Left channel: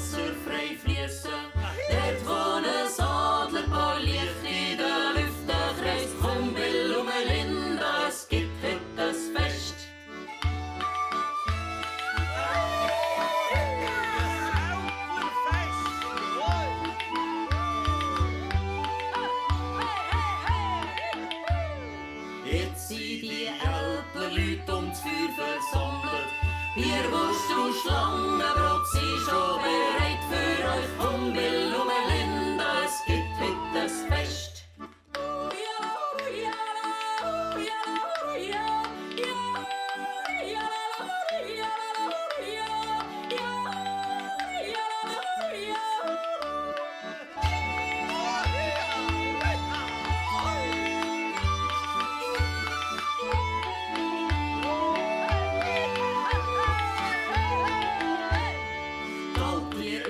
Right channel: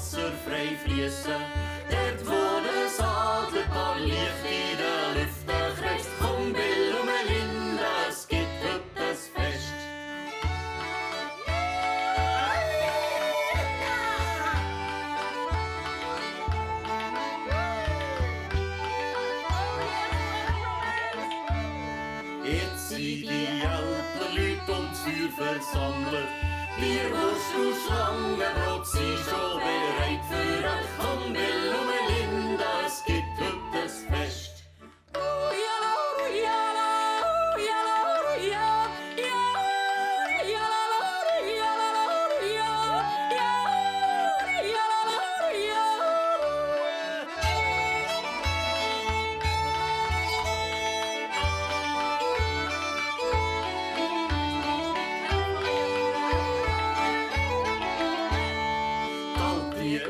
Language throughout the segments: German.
Wasser frei fließen. Dort wo ein Adlerpaar Licht in der Lüfte kreist. Komm Bill und Melinda, es gibt heute ein Fest. Jetzt sind die Älpler-Leute um das Feuer versammelt. Bierwurst und Schlangenbrot sind schon bereit für euch. Komm Bill und Melinda, es gibt heute ein Fest.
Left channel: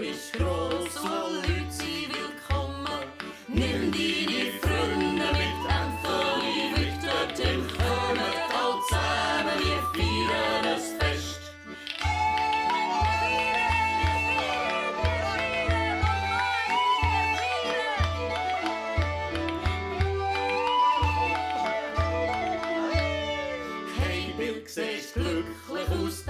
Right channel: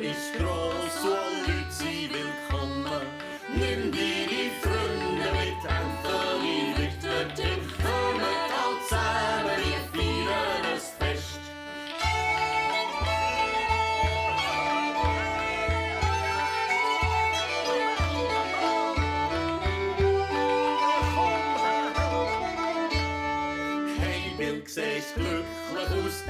Ist gross und alle Leute sind willkommen. Nimm deine Freunde mit, Anthony wird dorthin. Kommt alle zusammen, wir feiern ein Fest. Hey Bill, siehst glücklich aus.